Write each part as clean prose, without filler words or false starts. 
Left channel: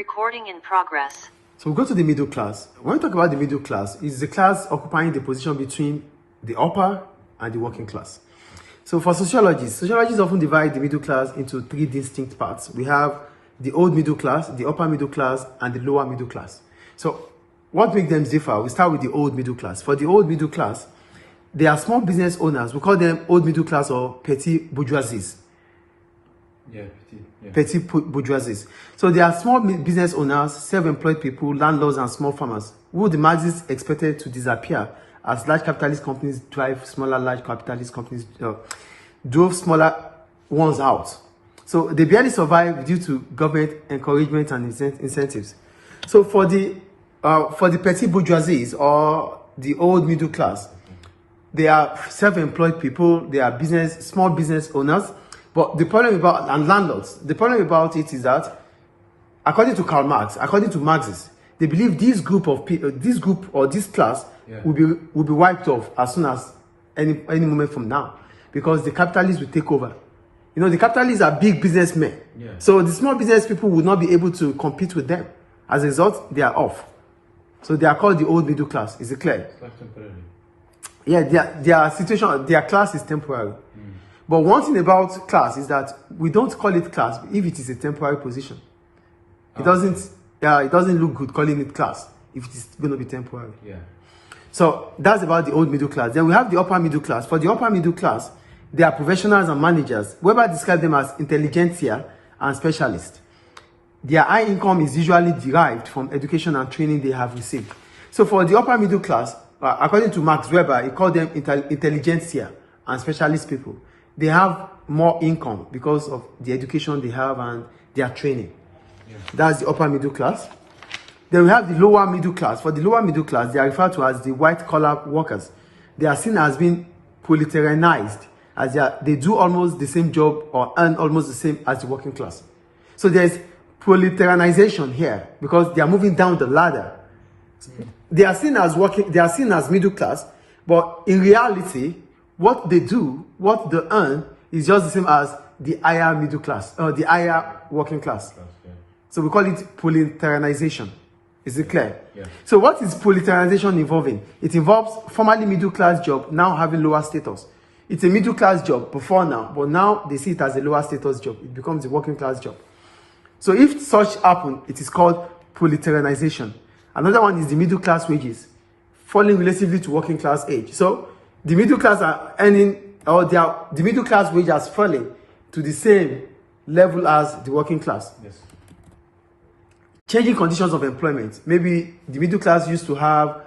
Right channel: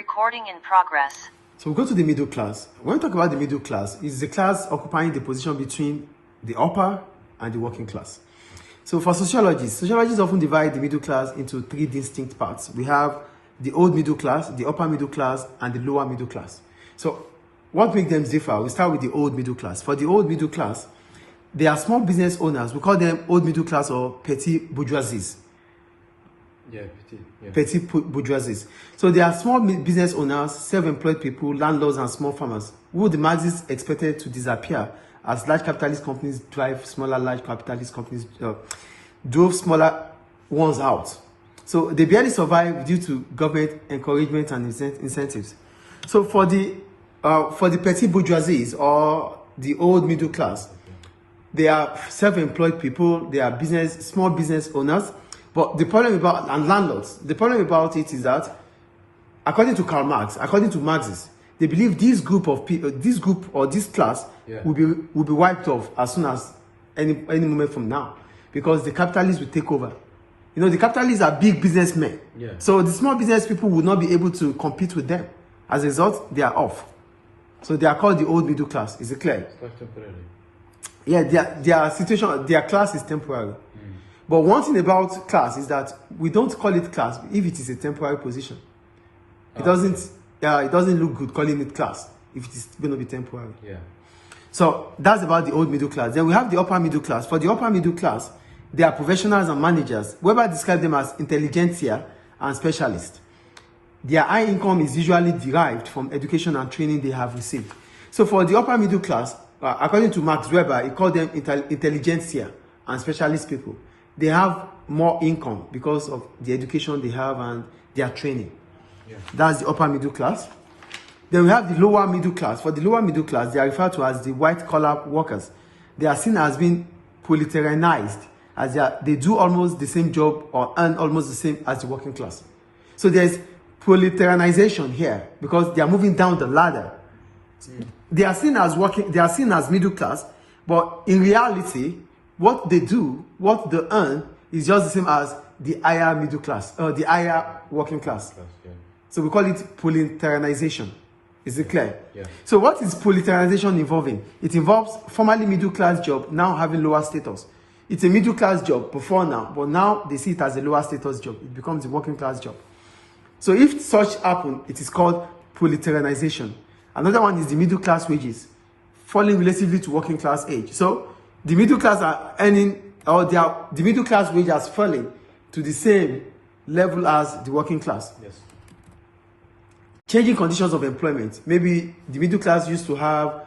Recording in progress. So we go to the middle class. When we talk about the middle class, it's the class occupying the position between the upper and the working class. So for sociologists often divide the middle class into three distinct parts. We have the old middle class, the upper middle class, and the lower middle class. So what makes them differ? We start with the old middle class. For the old middle class, they are small business owners. We call them old middle class or petit bourgeoisies. Petit bourgeoisies. So they are small business owners, self-employed people, landlords, and small farmers who the Marxists expected to disappear as large capitalist companies drive smaller large capitalist companies drove smaller ones out. So they barely survive due to government encouragement and incentives. So for the petit bourgeoisies or the old middle class, they are self-employed people. They are small business owners. But the problem about landlords, the problem about it is that, according to Karl Marx, according to Marxists, they believe this group of people, this class will be wiped off as soon as any moment from now, because the capitalists will take over. You know, the capitalists are big businessmen, so the small business people will not be able to compete with them. As a result, they are off. So they are called the old middle class. Is it clear? It's like temporary. Yeah, their class is temporary. But one thing about class is that we don't call it class if it is a temporary position. It doesn't look good calling it class if it is going to be temporary. So that's about the old middle class. Then we have the upper middle class. For the upper middle class, they are professionals and managers. Weber described them as intelligentsia and specialists. Their high income is usually derived from education and training they have received. So for the upper middle class, according to Max Weber, he called them intelligentsia and specialist people. They have more income because of the education they have and their training. That's the upper middle class. Then we have the lower middle class. For the lower middle class, they are referred to as the white-collar workers. They are seen as being proletarianized, as they do almost the same job or earn almost the same as the working class. So there's proletarianization here because they are moving down the ladder. They are seen as middle class, but in reality, what they do, what they earn, is just the same as the higher middle class, or the higher working class. So we call it proletarianization. Is it clear? So what is proletarianization involving? It involves formerly middle class job now having lower status. It's a middle class job before now, but now they see it as a lower status job. It becomes a working class job. So if such happen, it is called proletarianization. Another one is the middle class wages, falling relatively to working class age. So the middle class are earning, or the middle class wage has fallen to the same level as the working class. Changing conditions of employment. Maybe the middle class used to have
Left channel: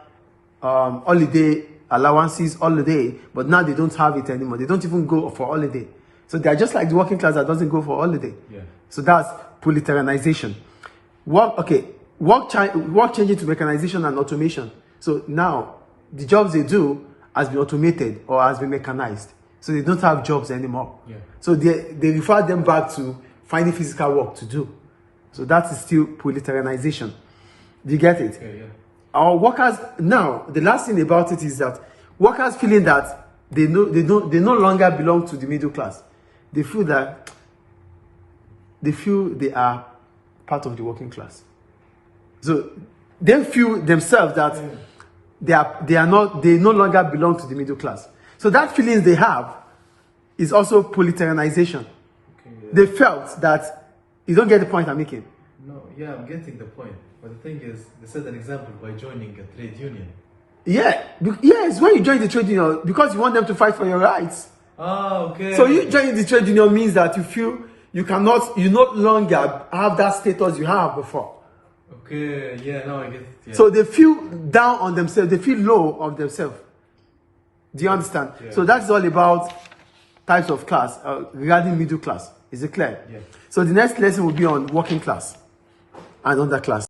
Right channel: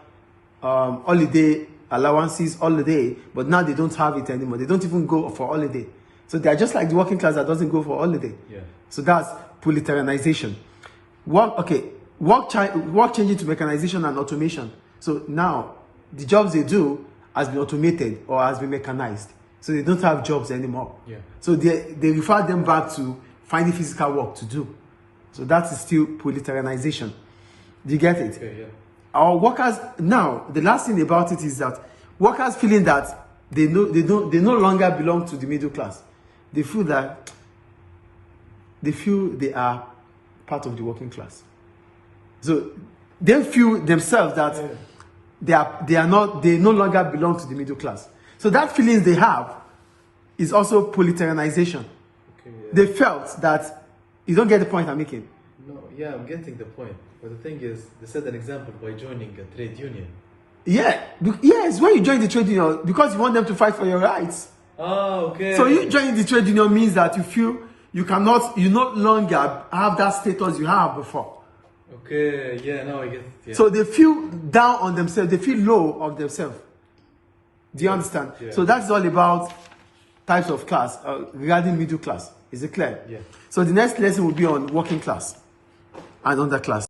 holiday allowances, holiday, but now they don't have it anymore. They don't even go for holiday. So they are just like the working class that doesn't go for holiday. So that's proletarianization. Work changing to mechanization and automation. So now the jobs they do has been automated or has been mechanized. So they don't have jobs anymore. So they refer them back to finding physical work to do. So that is still proletarianization. Do you get it? Our workers now, the last thing about it is that workers feeling that they no longer belong to the middle class. They feel they are part of the working class. So they feel themselves that they no longer belong to the middle class. So that feelings they have is also proletarianization. They felt that, you don't get the point I'm making. No, I'm getting the point. But the thing is, they set an example by joining a trade union. Yes, when you join the trade union, because you want them to fight for your rights. So you joining the trade union means that you feel you no longer have that status you have before. I get it. So they feel down on themselves, they feel low of themselves. Do you understand? So that's all about types of class regarding middle class. Is it clear? So the next lesson will be on working class and underclass.